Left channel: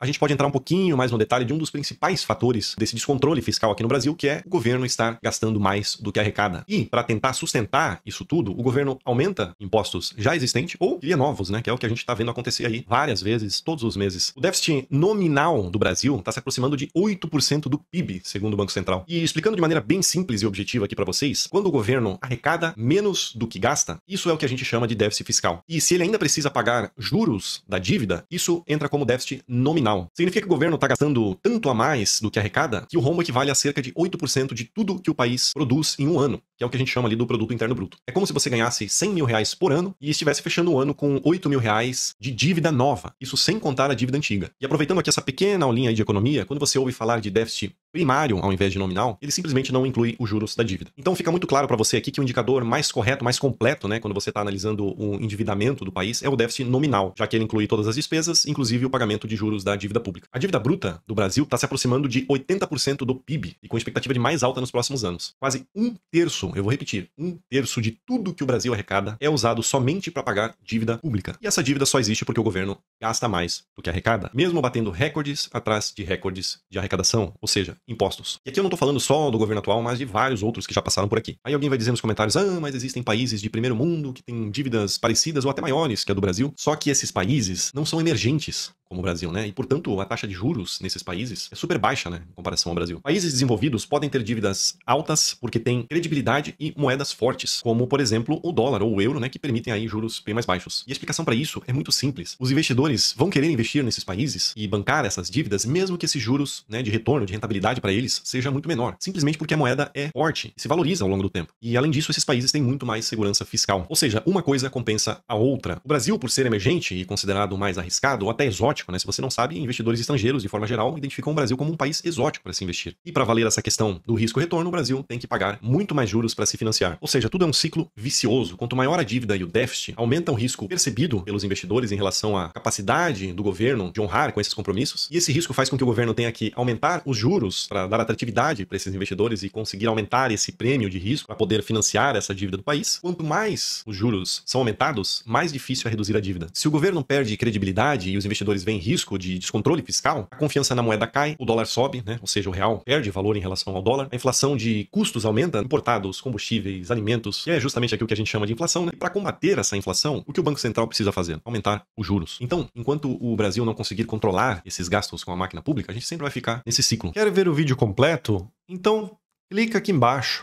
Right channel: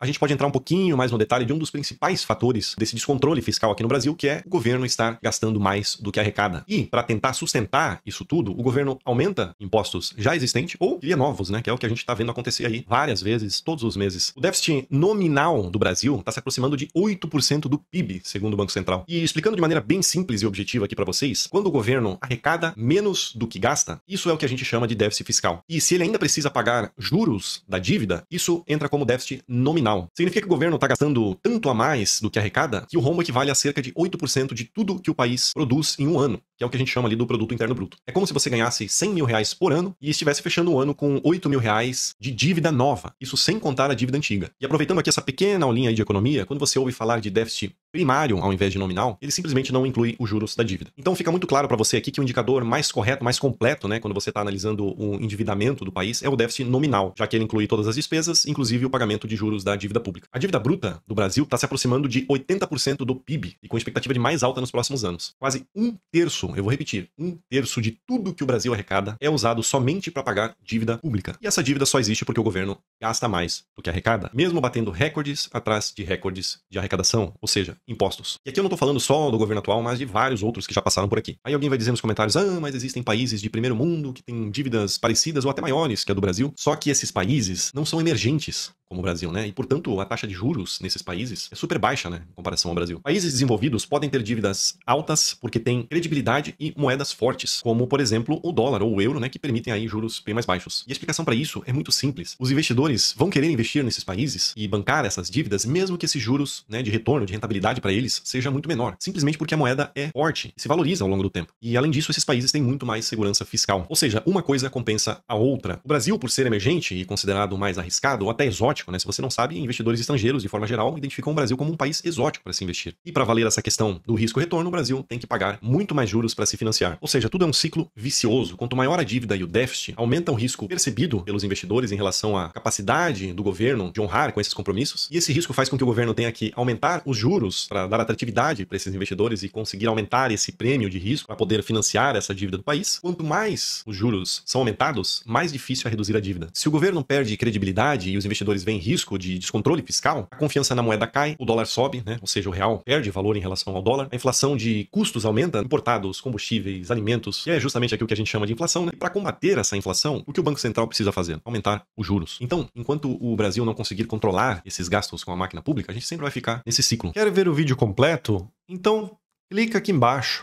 a gente pode entrar um pouquinho mais no detalhe de um dos principais fatores desse descontrole fiscal aqui no Brasil, que é o governo estar gastando mais do que arrecada. E, para tentar sustentar isso tudo, o governo aumenta impostos já existentes ou cria novos, né? Que é o que a gente está vendo acontecer aí várias vezes, todos os meses. O déficit nominal do Brasil está se aproximando de 8% do PIB, segundo o Banco Central. E explicando de maneira bem simples e objetiva aqui para vocês, quando o governo arrecada menos do que gasta, isso é o que a gente chama de déficit fiscal. E se ele ainda precisa pagar juros da dívida, isso entra como déficit nominal. Significa que o governo está gastando tanto a mais do que arrecada que o rombo equivale a cerca de 8% de tudo que o país produz em um ano, que é o que a gente chama ali do produto interno bruto. É como se você ganhasse 100 mil reais por ano e estivesse fechando o ano com 8 mil reais de dívida nova. Isso sem contar a dívida antiga. E aproveitando aqui essa pequena aulinha aí de economia, quando você ouve falar de déficit primário ao invés de nominal, ele simplesmente não inclui os juros da dívida. Então fica muito claro para você aqui que o indicador mais correto, mais completo, né, quando você está analisando o endividamento do país, é o déficit nominal, já que ele inclui todas as despesas, inclusive o pagamento de juros da dívida pública. A dívida bruta do Brasil está se aproximando de 80% do PIB e com expectativa de mais alta nos próximos anos. Quase um terço, eu vou repetir, um terço de tudo que o Brasil arrecada é usado somente para pagar dívida pública. E essa dívida só existe porque o governo gasta mais do que arrecada, mesmo batendo recordes atrás de recordes de arrecadação, ou seja, impostos. E aqui eu não estou falando só do governo atual, mas de vários outros que já passaram por aqui. Aí alguém vai dizer nos comentários, mas existem países de primeiro mundo que têm dívidas parecidas ou até maiores que a do Brasil. Só que esses países não são emergentes como o Brasil, né? E, portanto, a taxa de juros nesses países é super baixa, né? Em comparação ao Brasil. Países desenvolvidos podem ter dívidas altas porque têm credibilidade e moedas fortes, como, por exemplo, o dólar ou o euro, né? Que permitem aí juros bem mais baixos. E a explicação para isso é muito simples. Os investidores vão querer investir nesses países e bancar essas dívidas, mesmo que esses juros, né, de retorno, de rentabilidade para eles, seja muito menor. Simplesmente porque a moeda é forte e se valoriza ao longo do tempo. E, além disso, esses países têm muito mais segurança fiscal. Ou seja, uma coisa compensa a outra. O Brasil, por ser emergente e considerado mais arriscado ou até exótico, né? Se você não sabe, investidores estrangeiros, de forma geral, identificam o Brasil como um país exótico para se investir. E para valer essa questão do risco-retorno, o Brasil tem que pagar muito mais juros para se financiar. Ou seja, tudo é um ciclo vicioso. Quanto maior a dívida e o déficit, aumenta o risco percebido pelos investidores em relação à capacidade do governo de honrar com esses compromissos. E esse risco faz com que o governo tenha que aumentar os juros para dar atratividade para esses investidores e conseguir aumentar esse prêmio de risco para poder financiar essa dívida do país. Quanto mais os juros são aumentados, mais difícil é reduzir a dívida. Se o governo perde credibilidade e os investidores veem risco de descontrole fiscal, a confiança na moeda cai, o dólar sobe, né? Ou seja, o real perde valor em relação ao dólar, a inflação de custos aumenta, importados, combustíveis, alimentos, é justamente aquilo que a gente chama de inflação, né? Para combater essa inflação, o que o Banco Central precisa fazer? Aumentar os juros. Então, enquanto o Brasil não conseguir controlar esses gastos com a máquina pública, a gente sempre vai ficar nesse ciclo. Quer ver o vídeo completo? Então, clica aqui embaixo.